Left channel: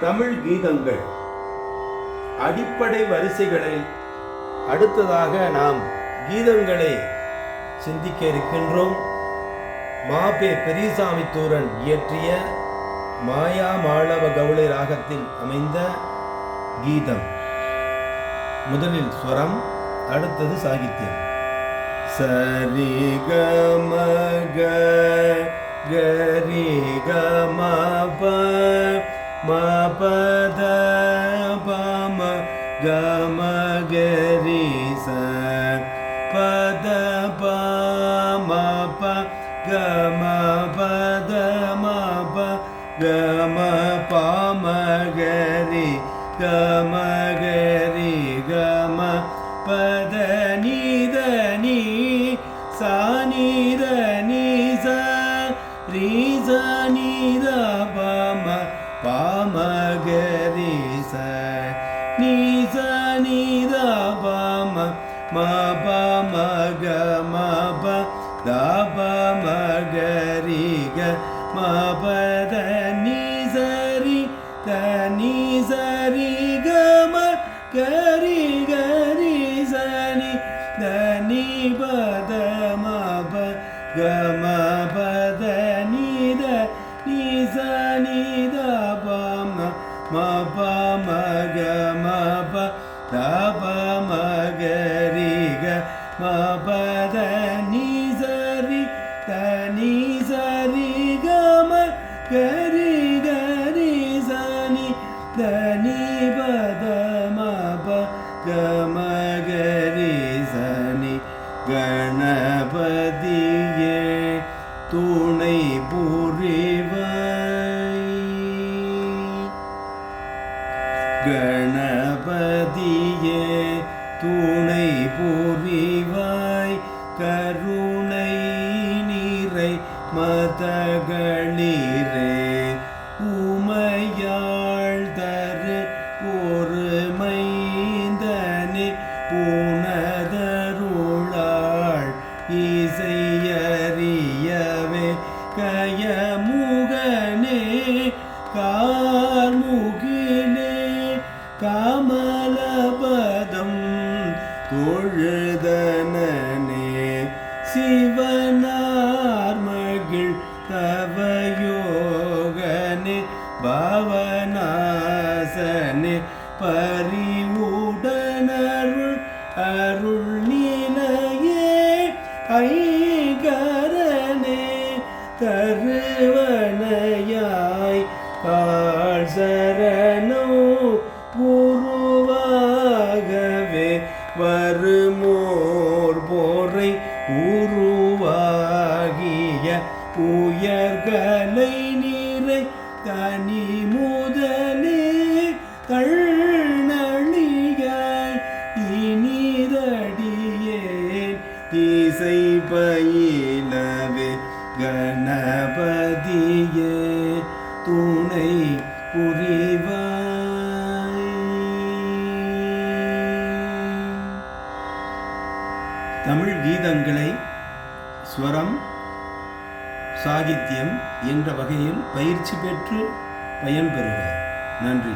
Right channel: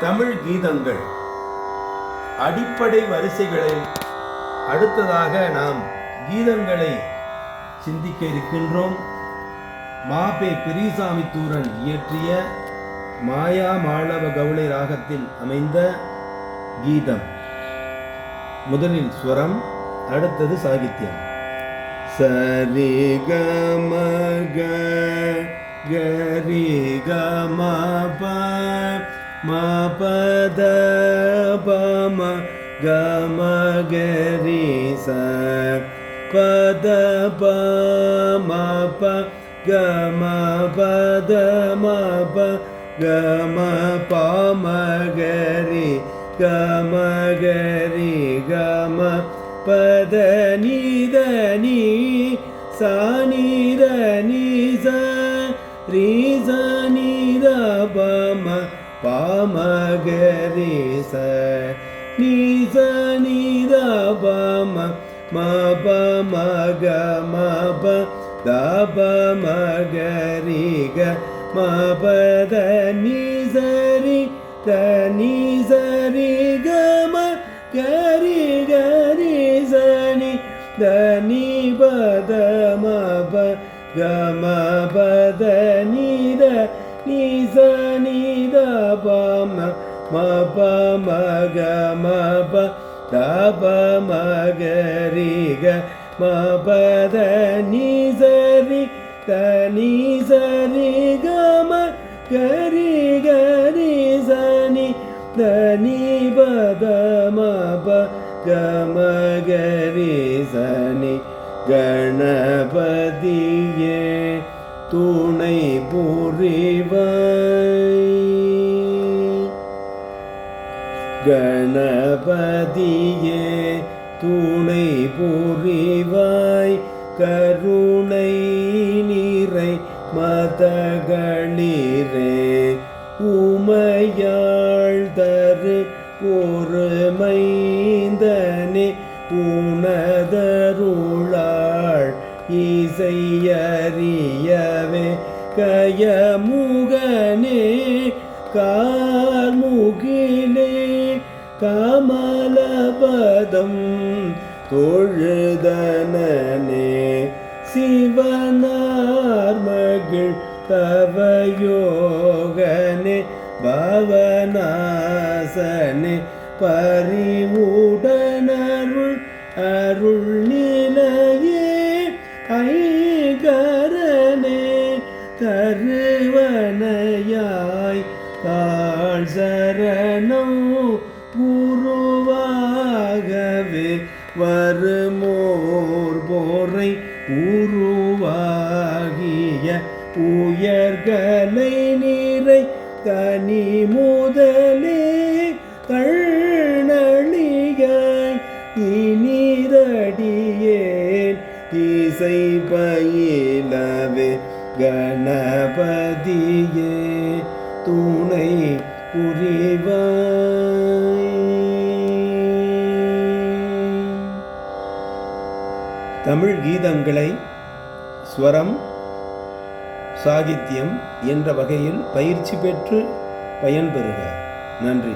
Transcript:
தமிழ் கீதங்கள். அடிப்படை வரிசைகளை அடுத்ததாக நாம் கீதங்களை சிந்திக்க இருக்கின்றோம். மாபே பெரியசாமி தூரன் இயற்றிய மாயா மாளவ கவுளை ராகத்தில் அமைந்த கீதம். முதலில் ஸ்வரம் அடுத்தது சாகித்யம். சரி க க கரி கமா മപദ പമ ഗമഗരി സ പദ പമ പ ഗമ പദ മപ ഗമ പാമഗരി ഗമഗരി ഗമ പദ നീതനി സ രീസ പ ப நீச ம ப ம கரி க ம கரி க ம நீத நீ ம பம ம ப த ம பத நீ சரி கம கரி கரி சனி தனி பத ம ப பத நீத பத நி த நி ச நி த ப ம ம ப ம க ம ப த ப ம க ரி க ம பத நி ச ரி த நி ச ரி க ம க ரி க ரி ச நி த நி பத ம ப க ம க ரி ச நி கணபதியே துணை கணபதியே துணை புரிவாய் கருணை நீரை மதகளிரே உமையாள் தரு பொறுமைந்தனே புனதருளாள் உணதருளாள் தொழுதனனே சிவனார் மகிழ் தவயோகனே பவனாசனே பரிவுடனருள் அருள் வருமோர் போரை உருவாகிய உயர்கலை நீரை தனி முதலே தள்ளியாய் இனிதடியேன் இசை பயிலவே கணபதியே துணை புரிவாய் தமிழ் கீதங்களை ஸ்வரம் சாகித்யம் என்ற வகையில் பயிற்சி பெற்று பயன்பெறுக. நன்றி.